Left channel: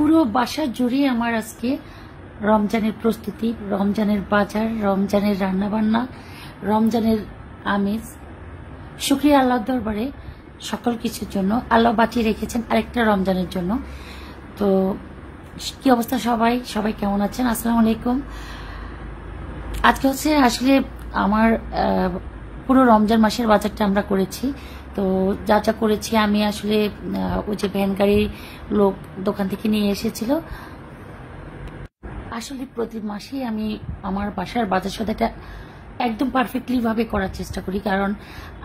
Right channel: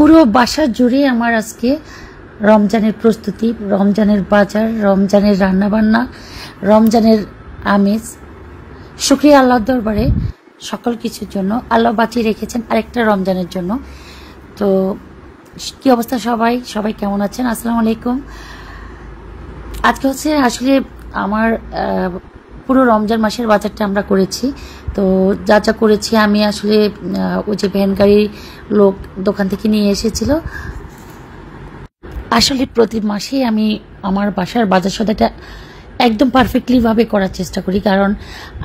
পুরো বাসা জুড়ে আমার আজকে রমজানের প্রস্তুতি, রমজানের বাজার, রমজানের রান্নাবান্না, রমজানের আমেজ। শুকরিয়া আল্লাহর দরবারে সকল কিছুর জন্য। আল্লাহ বাঁচিয়ে রেখেছেন আরেকটা রমজানের জন্য। তো কি অবস্থা সবাই কেমন আছেন? আসসালামু আলাইকুম। আজকে হচ্ছে আসলে আমার পুরো রমজান মাসের বাজারটা আমরা করেছি। তো যা যা করেছি আমি আসলে ওই যে ভ্যান গাড়ির লোক দোকান থেকে নিয়ে এসেছিল। আসলে প্রতি মাসে আমি আমার বাসার বাজার সদাটা একদম পারফেক্টলি ভাবে করার চেষ্টা করি, কারণ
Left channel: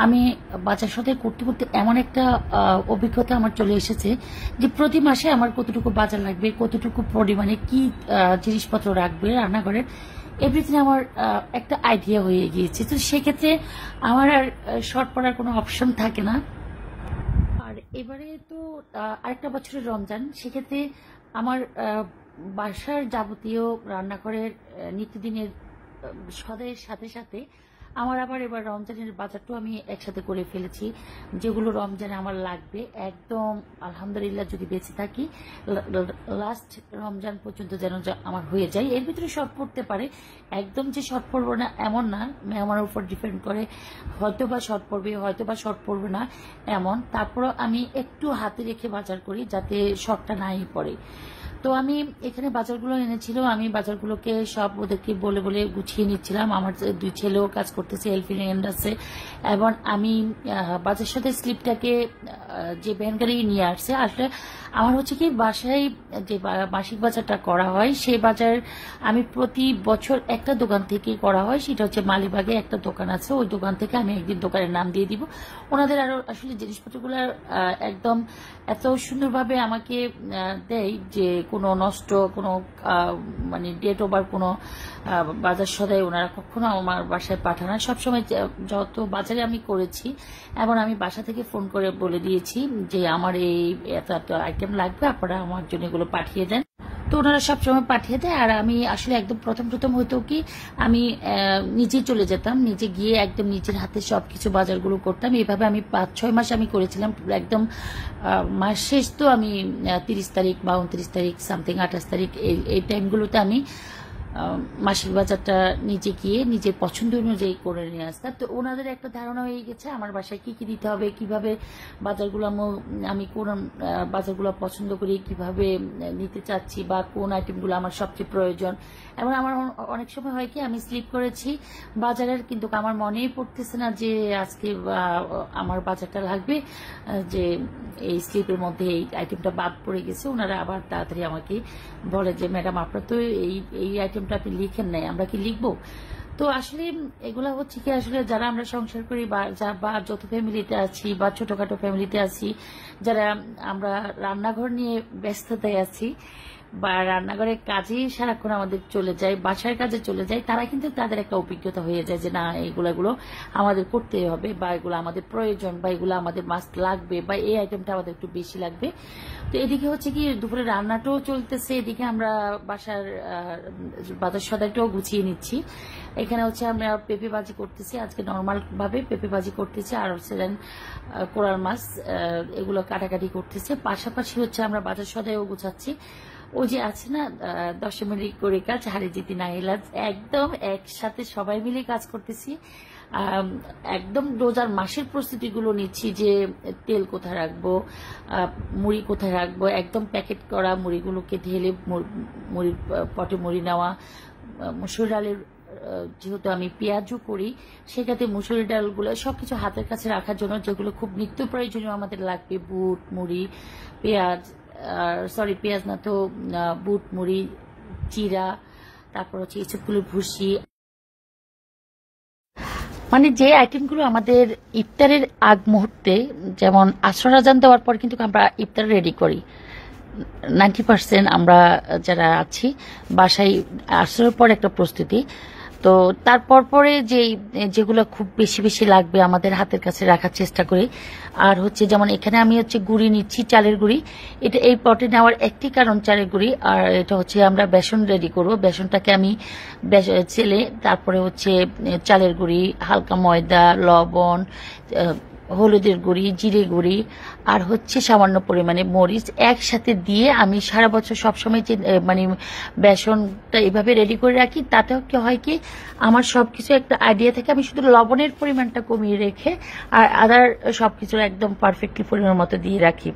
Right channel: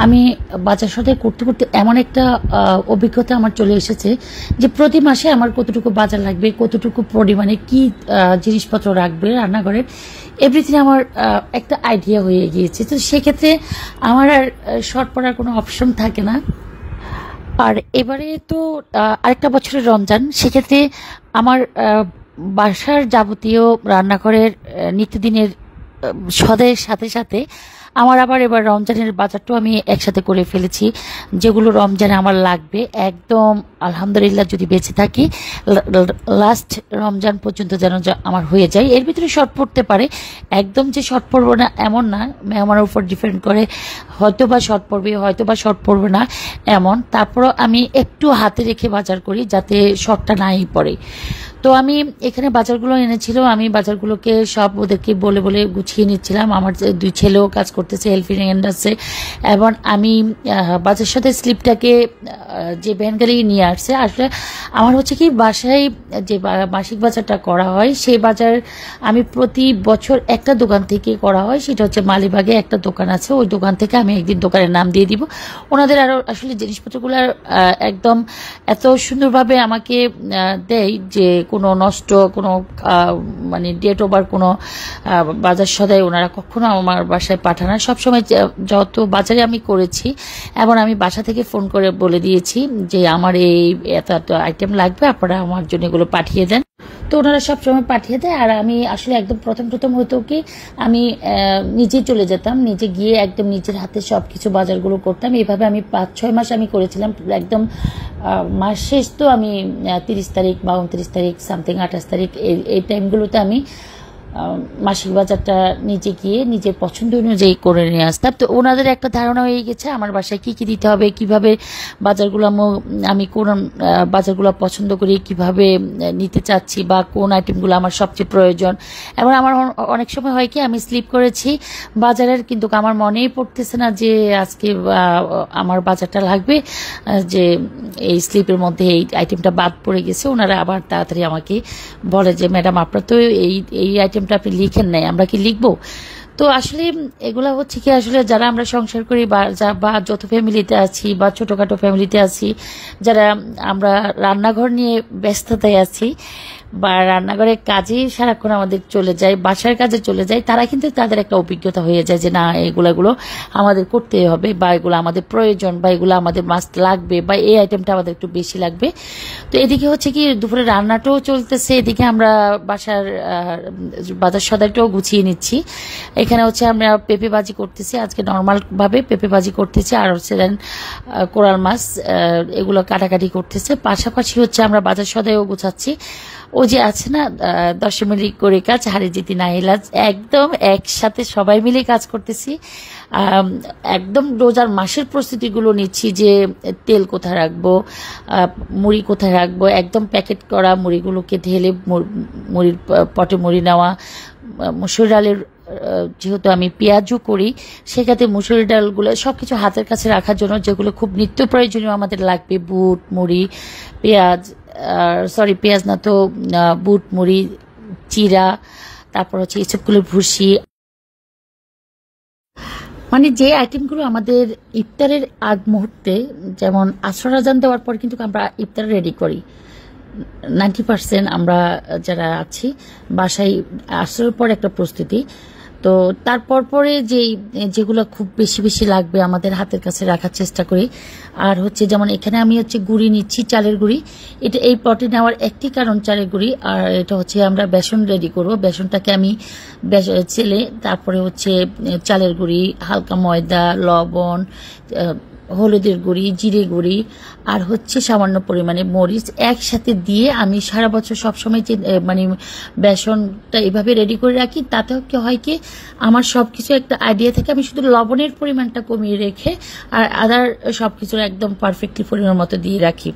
আমি বাজার সদাই করতে করতে এমন একটা অভিজ্ঞতা আমার চলে এসেছে যে প্রতি মাসে আমার কতটুকু বাজার লাগবে, কতটুকু পরিমাণে কি জিনিসপত্র রাখবে রান্নাঘরের, এভরিথিং আমার একটা আইডিয়া হয়ে গিয়েছে। তো সেক্ষেত্রে আমার আর শর্ট পড়ার কোনো অপশন থাকে না। আর এবারে তো আরেকটা বছরের রমজান, সেক্ষেত্রে আমার বাসার যাবতীয় রান্নাঘরের নিত্যদিনের সদাইয়ের সাথে সাথে আমার আবার এবার রমজানের বাজারটাও আমি একসাথে করে ফেলেছি, যেগুলো রমজানে আমার লাগবে একদম আলহামদুলিল্লাহ যদি বেঁচে থাকি লাস্ট রমজান পর্যন্ত যেন আমার হয়ে যায়। এর ভিতরে শর্ট পড়তে পারে, একদম যে শর্ট পড়বো না এমন না, মেহমানের উপর ডিপেন্ড করে, হয়তো বা শর্ট পড়বে হয়তো বা শর্ট পড়বে না এমন। তারপরও আমি একটু হাতে রেখে বাজার করি যাতে শর্টটা নাই পড়ে। তো আমি এখানে বাজারগুলো এনেছিল, আমি বাজারগুলোকে সব ওদেরকে বলে বলে গুছিয়ে নিচ্ছিলাম। আমার দুই ছেলেও কাজ করতেছে হেল্পিং হ্যান্ড আছে, এবং আমি বাজার সাথে স্লিপটাকে যে ভ্যান গাড়ি নিয়ে আসছে। আসলে আমার হচ্ছে কি বাসায় যে মাসিক বাজারটা করা হয় সেই বাজার আমি প্রতি বছর একটা দোকান থেকে করা হয়, সেটা হচ্ছে মালিবাগে একটা দোকান আছে, ওই দোকান থেকে আমি একদিন দোকানের নাম দিয়ে দিব। ওনাদের আরও আসলে জিনিসপত্রগুলো একদম এত সুন্দরভাবে আমাকে দেয় যে কোনো নষ্ট কোনো মানে ডেট ওভার কোনো বাজার সদাই ওনারা কখনো আমার বাসায় পাঠান না। সবসময় যত বাজারে আমি করেছি এবং আমি বাসা থেকে ফোন করে বলে দিয়েছি যে আমার এই এত এত আইটেম লাগবে, আপনারা আমার জন্য এগুলো পাঠিয়ে দেন। তো ওনারা সবসময় পাঠিয়ে দেয়। আর আমি আসলে একদম প্রথম হতো কি আমি নিজে চলে যেতাম, নিজে গিয়ে একদম নিজের হাতে সবকিছু বাজারগুলো করতাম। এইভাবে আমি 5-6 মাস আমি করেছিলাম। একদম মাস শেষ তো আমি 30 তারিখ বা 29 তারিখ সামথিং 28 তারিখ এই টাইমগুলোতে আমি মাসিক বাজারটা নিজে গিয়ে নিজের পছন্দ অনুযায়ী করে নিয়ে আসতাম। তো ওনাদের একটা ধারণা হয়ে গেছে আমার বাসায় কি কি দিতে হবে, কিভাবে বাজারগুলো আমি কোন বাজারগুলো পছন্দ করি, কিভাবে নিতে চাচ্ছি বা কোন আইটেমগুলো আমার সবচেয়ে প্রয়োজন। এবং আমার অনেক সময় হয় কি আমি স্লিপ করেছি বাজারের, কিন্তু আমার মনেই পড়তেছে না যে আজকে আমার বাজারটা লাগবে, যে এই স্লিপের মধ্যে এই আইটেমটা বাদ পড়ে গেছে। ওনারা আবার তাড়াতাড়ি আমাকে বলে যে ম্যাডাম আপনার তো এই আইটেমটা আপনি লিখেন নাই, আমরা কি লিখবো? তো আসলে এগুলা হচ্ছে কি আসলে যারা আমরা সংসার করি বা যত ফ্যামিলিতে আছি বা ছোটখাটো ফ্যামিলিতে আছি, যারা আমরা রান্নাঘর নিয়ে ব্যস্ততায় আছি বা রান্নাঘরের কাজেই সারাক্ষণ আমাদের চলে যায়, বাসার কাজে চলে যায়, তারা কিন্তু তাদের একটা অভিজ্ঞতা হয়ে যায় যে না এগুলো আমাদের করতে হবে বা এগুলো আমাদের প্রয়োজন বা এগুলো আমাদের মাস্ট লাগবে বা এই আইটেমটা আমাদের একটু বেশি লাগবে। তো এদিকে হচ্ছে কি দুপুরে রান্নাটাও চলতেছে, এদিকে আমরা বাসার বাজার সদাইটাও গুছিয়ে নিচ্ছি। এখানে হচ্ছে আমরা পেঁপে ভাজি করতেছি, আজকে নর্মাল ভাবে পেঁপে ভাজি করতেছি, আর হচ্ছে দেন কোরাল মাছ এগুলো কাটাকাটি করতেছে। পাশাপাশি হচ্ছে আমরা বাজার সদাইও গুছাচ্ছি। ও যে আছে না 10 মিনিট করে কাজ হারে জিতি না এলাজ, একদম একসাথে সবাই মিলে কাজ করতেছি। একদম রোজার মাসের প্রস্তুতিগুলো নিচ্ছি যে তেল কোথায় রাখবো, মুড়ি কোথায় রাখবো, একদম প্যাকেট করা মুড়িগুলোকে ঢেলে মুড়ির পটে মুড়ি নেওয়া, মসুর ডালের যেহেতু আমি পেঁয়াজও করি সেক্ষেত্রে মুসুরি ডালগুলো সবকিছু হাতের কাছে রাখার জন্য যেগুলো খুব নিত্য প্রয়োজনীয় আমাদের লাগবে, বুট মুড়ি পেঁয়াজ, পেঁয়াজ না তো বুট মুড়ি চিরা, তারপর হচ্ছে এসবগুলো ভুসি, মানে যে আইটেমগুলো আমাদের ইফতারের আগ মুহূর্তে, যেমন আসর আজান দেওয়ার পর কিন্তু আমরা ইফতার রেডি করি 90% আমরা যারা আছি বাসায় আসরের পর একটা প্রস্তুতি। তো তারপর পরে যেগুলো খুব বেশি বেশি লাগবে আমাদের হাতের কাছে রাখার চেষ্টা করি। আর হচ্ছে যেমন এখানে আমি হচ্ছে গুঁড়ি নিচ্ছি, চালের গুঁড়ি। এটা এই পটে নেওয়ার একটি কারণ চালের গুঁড়ি, আর এটা হচ্ছে আমরা বেসন রেডি করব। বেসনটাকে আমি চেলে তারপরে হচ্ছে চালের গুঁড়ি, হালকা ময়দা, লবণ, হলুদের গুঁড়ি, জিরে গুঁড়ি আর হচ্ছে সামান্য পরিমাণে মরিচ একসাথে দিয়ে আমি সারা বছর সবসময় যে মানে বেসনটা এভাবে রেডি করে রাখি। তাতে কি হয় কি আমার সবকিছু একটা আইডিয়া থেকে আমি শুধু লবণের পরিমাণটা কমিয়ে রেখে আর আদার সবকিছু একদম পারফেক্টলি পরিমাণ মতো দিয়ে রাখি।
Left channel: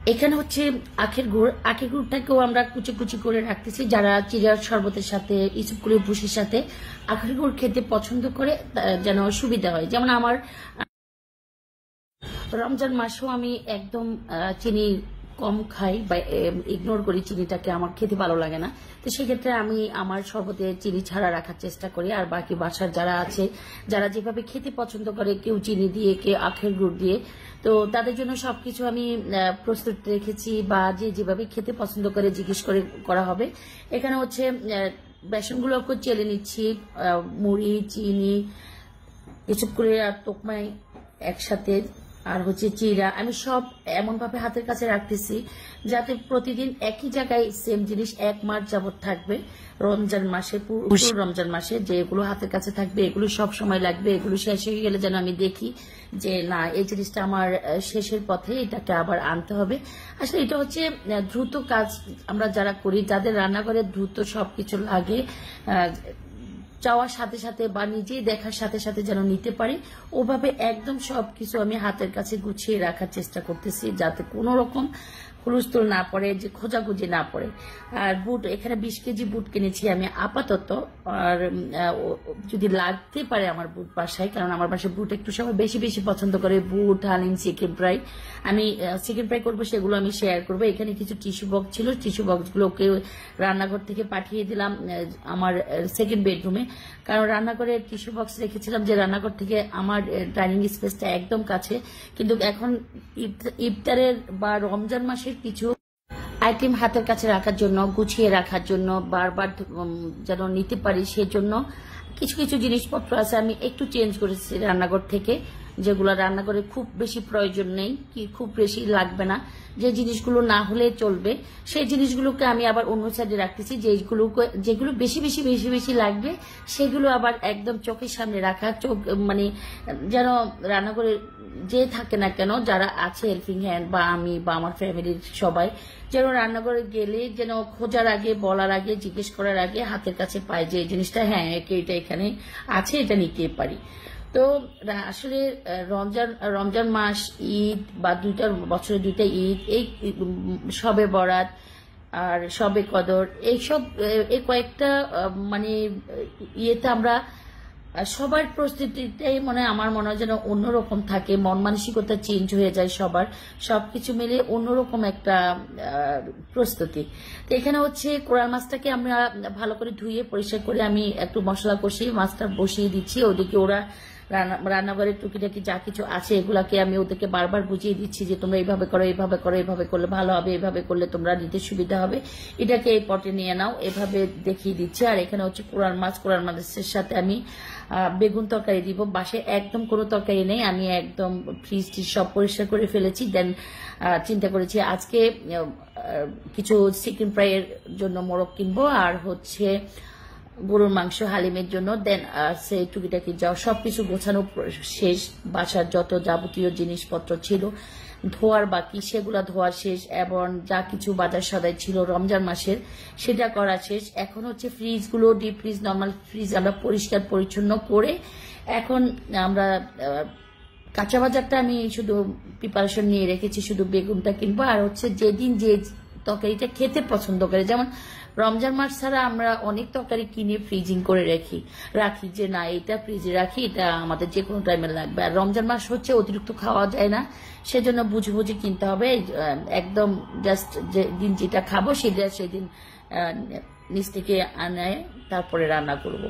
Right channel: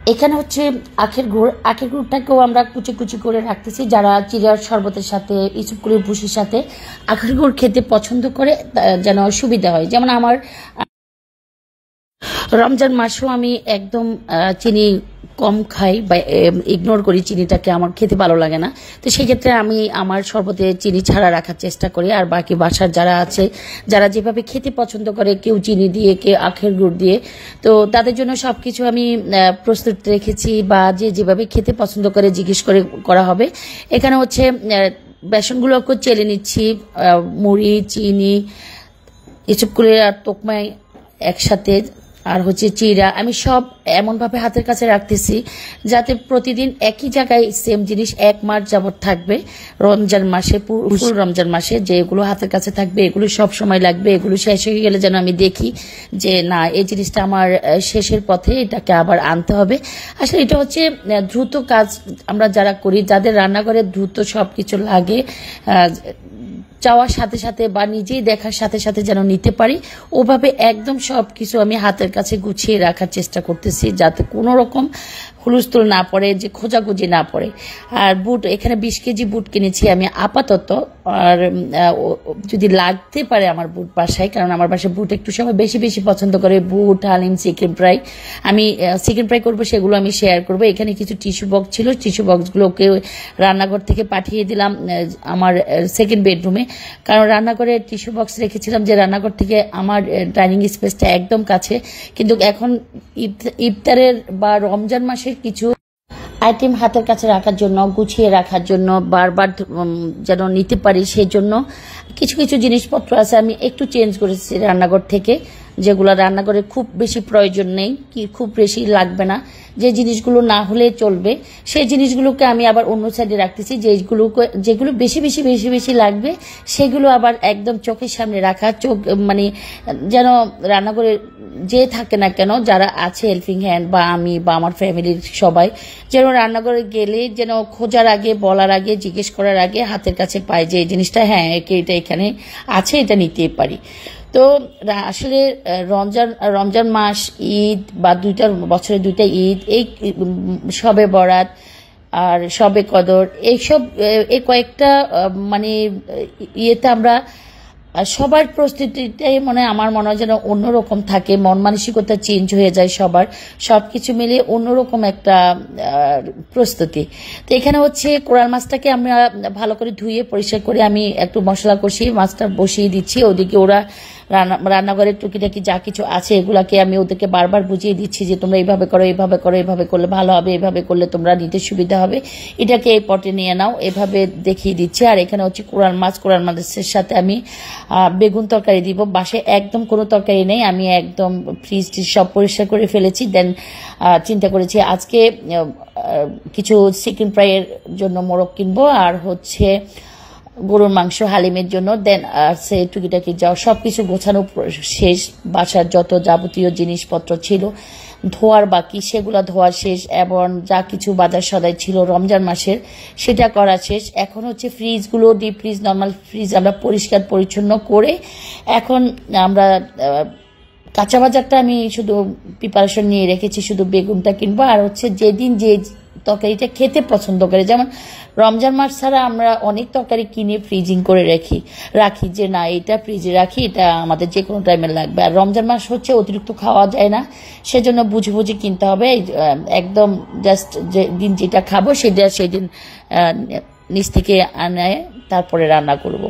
এখানে হচ্ছে আখের গুড়টাকেও আমরা কুচি কুচি করে রাখতেছি। যারা চিড়ার শরবতের সাথে ইসুপগুলির ভুষির সাথে আখের গুড় খেতে পছন্দ করে যেন সুবিধা হয়। যেমন আমার রমজান মাসেও আমি একদম চিনি কম খাই বা ইগনোর করি চিনিটাকে, আমার খেতে ভালো লাগে না। তো সেই ক্ষেত্রে আমি আমার শরবতে চিনি ছাড়া রাখার চেষ্টা করি। আর বাকি বাসার যারা আছে, যারা যেভাবে খেতে পছন্দ করে, কেউ চিনি দিয়ে, কেউ আখের গুড় দিয়ে, তো তাদের জন্য সবকিছু আমি প্রস্তুত রেখেছি। বা যে যেভাবে খেতে পছন্দ করে জিজ্ঞেস করে করা হবে। এখানে হচ্ছে বেসনগুলোকে চেলে নিচ্ছি, মুড়ি, চিনি, এসব করে আর তোকমায় একসাথে, আর হচ্ছে চিড়া আমি সব এমনভাবে হাতের কাছে রাখতেছি যাতে প্রতিদিন একই জায়গায় সেম জিনিস 1 মাস যাবত থাকবে। রমজান মাসে, পুরো রমজান মাসে যেগুলো হাতের কাছে থাকবে এগুলো সব সময় লাগবে। এগুলো শেষ হয়ে গেলে যেন আমি দেখি যে না, এই জিনিসটা আমার শেষের পথে, এটাকে আবার আনতে হবে। আসলে এটা হচ্ছে দ্রুত কাজ। আমরা যারা করি, যাদের রান্নাঘরে দ্রুত সবকিছু লাগে, চাওয়ার সাথে সাথে বা নিজেই দেখার সাথে সাথে যেন নিতে পারি, ওভাবে একদম সবকিছু আমি হাতের কাছে গুছিয়ে রাখার চেষ্টা করতেছি যাতে কোনো রকম হুলস্থুল না পড়ে, যে খোঁজাখুঁজি না পড়ে। আর বুট, এখানে 20 কেজি বুট কিনেছি আমি আপাতত। আর যদি লাগতে পারে আমার বুট বাসায়, কারণ আমার বাসায় বুট একটু সবাই বেশি বেশি পছন্দ করে, বুট, হালিম, চিকেন ফ্রাই। আমি চিকেন ফ্রাই করবো, সেগুলো আমি শেয়ার করবো। এখানে কিছু টিস্যু বক্স ছিল, টিস্যু বক্সগুলোকে রান্নাঘর থেকে পাঠিয়ে দিলাম আমার সেকেন্ড বেডরুমে। কারণ রান্নাঘরে টিস্যু বক্স রেখেছিলাম যে রান্নাঘর থেকে আমার ডাইনিং স্পেসটা একদম কাছে। কিন্তু এখন ইফতারের বা রমজান মাসের কিছু আইটেম হাতের কাছে রাখার জন্য, গুছিয়ে রাখার জন্য, বারবার যেন নিতে পারি, সেই জন্য কিছু কিছু জিনিসপত্র আছে আমি একটু চেঞ্জ করেছি রান্নাঘর থেকে, যেগুলো রান্নাঘরে খুব বেশি প্রয়োজন নেই, কি খুব বেশি লাগবে না, যে জিনিসগুলো না হলে চলবে সেই জিনিসগুলোকে আমি আবার অন্য সাইডে রাখতেছি। যেগুলো বেশি বেশি বেশি বেশি লাগবে সেগুলো আবার একদম চোখের সামনে রাখা। চোখ মানে যেন রান্নাঘরে যে থাকে না কেন, যারা আছে হেল্পিং হ্যান্ড বা আমি বা আমার ফ্যামিলির সবাই, যেন রান্নাঘরে গেলে যেন খোঁজার আগে, বলার আগে, জিজ্ঞেস করার আগে হাতের কাছে পাই যে এই জিনিসটা হ্যাঁ এটা এখানে আছে, এটা নিতে পারি। তো আসলে রমজান মাস, ঈদ বা বছরে 2টা ঈদ, এই শবে বরাত আর শবে কদর, এইসব এই কয়েকটা মানে ইয়েতে আমরা সবার প্রস্তুতিটাই আমার মনে হয় যেন অন্যরকম থাকে, মন মানসিকতা চেঞ্জ হয়ে যায় সবার, সবকিছু মিলে অন্যরকম একটা প্রস্তুতি। তো এখানে হচ্ছে কোরাল মাছটাকে আমরা ভালো করে ধুয়ে পরিষ্কার করে আমি একটু মশলা কষিয়ে মাছটা বসিয়ে দিচ্ছি। ওদিকে ওরা রান্নাঘরের টুকিটাকি যা কিছু আছে এগুলাকে আমি ওদেরকে বারবার বুঝিয়ে দিচ্ছি যে তোমরা এইভাবে করো, এইভাবে করো, এইভাবে করলে ভালো হবে, এইভাবে করলে তোমরা নিতে সুবিধা হবে, এটাকে এই পটে নিয়ে নাও, এভাবে দেখিয়ে দিচ্ছি। আর এখানে হচ্ছে কোরাল মাছের সাথে আমি বেগুন তরকারি দিব। বাসায় একদম কোনো তরকারি নেই, আমি একদম ফ্রিজ সব পরিষ্কার করে ফেলেছি। দেন চিন্তা করেছি আজকে কিছু চিকেন ফ্রাইয়ের জন্য মোরগ কিনবো, আর হচ্ছে গরুর মাংস হালিমের জন্য। দেন সে টুকিটাকি যাওয়া সবকিছু গোছানো শেষ। বাসার যত যাবতীয় জিনিসপত্র ছিল ধোয়ার বাকি, সেগুলো ধোয়া শেষ, এবং যা কিছু বাজার সদাই ছিল রমজান মাসের সেটা করা শেষ। এখন হচ্ছে ফ্রিজগুলো, ডিপ ফ্রিজ, নর্মাল ফ্রিজ আমরা পরিষ্কার পরিচ্ছন্ন করে এখন আমরা কাঁচা বাজারটা আমি শুধু প্রিপারেশন নিয়ে রেখেছি, শুধু বেগুনটা কিনবো। আর হচ্ছে যেদিন যে তরকারিটা খেতে পছন্দ করে, যেমন রমজান মাস ছাড়া আমরা অনেক তরকারি কিনে ফ্রিজিং করে রাখি যে না এটা ফ্রিজে রাখি, এটা আমাদের যে কোনো টাইমে লাগবে। আর রমজান মাস হচ্ছে অতিরিক্ত খাওয়া যায় না, সেজন্য বুঝে বুঝে কিনতে হবে। একদম জাস্ট যেদিন যেটা খাবো সেদিন নিচ থেকে আনে তারপরে রান্না করব।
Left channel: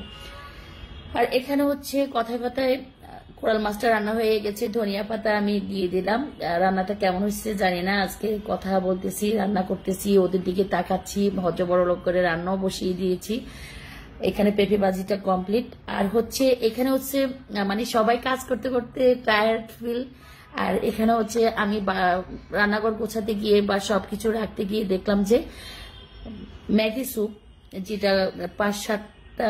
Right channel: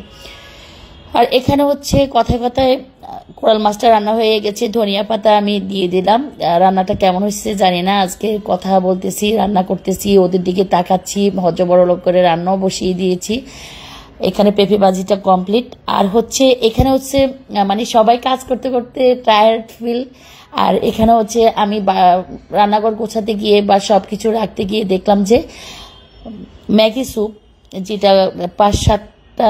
আর এখানে হচ্ছে কথায় কথায় কোরাল মাছটা রান্না হয়ে গেছে, ধনিয়া পাতা আমি দিয়ে দিলাম। রান্নাটা কেমন হচ্ছে জানি না, আজকে কথা বলতেছি, রান্না করতেছি, ওদের দিকে তাকাচ্ছি, ভদ্র বড় লোক করে রান্নাও বসিয়ে দিয়েছি। এখানে পেঁপে ভাজিটা কমপ্লিট। আর হচ্ছে এখানে হচ্ছে মানে সবাই কাজ করতে করতে টায়ার্ড ফিল। আর এখানে হচ্ছে আমি রান্নাঘর গোছাতে গিয়ে বা সব কিছু রাখতে গিয়ে দেখলাম যে ম্যাগি স্যুপ যেটা 5-7টা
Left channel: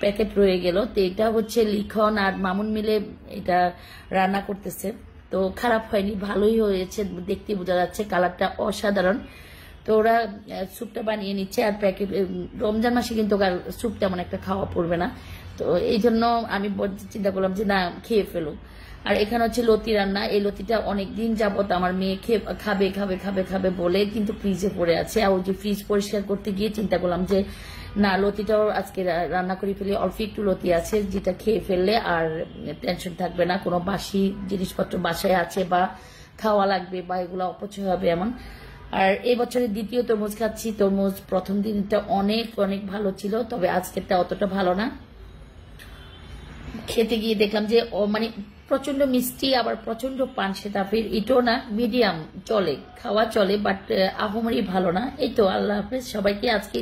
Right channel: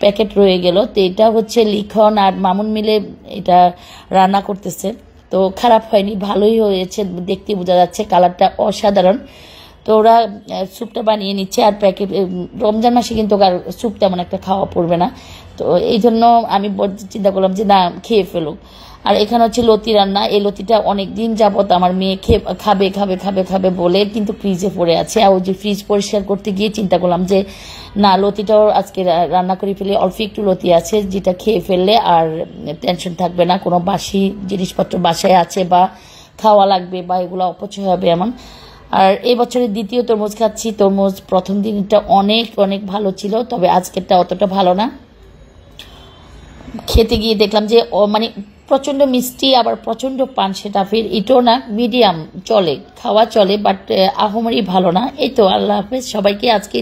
প্যাকেট রয়ে গেল। তো এটা হচ্ছে লিখন আর মামুন মিলে এটা রান্না করতেছে। তো খারাপ হয়নি, ভালোই হয়েছে, দেখতে বোঝা যাচ্ছে কালারটা অসাধারণ। তো ওরা স্যুপটা বানিয়ে নিচ্ছে। আর প্যাকেট রমজান মাসে কিন্তু আর স্যুপ তেমন একটা খাওয়া পড়বে না, তো এই জন্য আমি চিন্তা করলাম যে না, খেয়ে ফেলুক। আর এখানে হচ্ছে লতি রান্না। এই লতিটা অনেক দিন যাবত আমার মেয়ে খাবে খাবে খাবে খাবে বলে কিন্তু ফ্রিজে পড়ে আছে। আর ওই যে ফ্রিজ পরিষ্কার করতে গিয়ে চিন্তা করলাম যে না, লতিটাও আজকে রান্না করে ফেলে। অল্প একটু লতি আছে, যেটা খেয়ে ফেললে আর টেনশন থাকবে না, কোনো বাসি জিনিসপত্র বাসায় আছে বা খাওয়া লাগবে বা এগুলো অপচয় হবে এমন। আর এই বছরের দ্বিতীয় তরমুজ খাচ্ছি। তরমুজ প্রথম দিনটা অনেক অনেক ভালো ছিল, তবে আজকেরটা অতটা ভালো না। খেতে গিয়ে দেখলাম যে মানে প্রচণ্ড মিষ্টি আবার প্রচণ্ড পানসে টাফের, এটাও না, মিডিয়াম চলে, খাওয়া চলে, বাট আহামরি ভালো না। এই তো, আল্লাহ হাফেজ সবাইকে। আজকে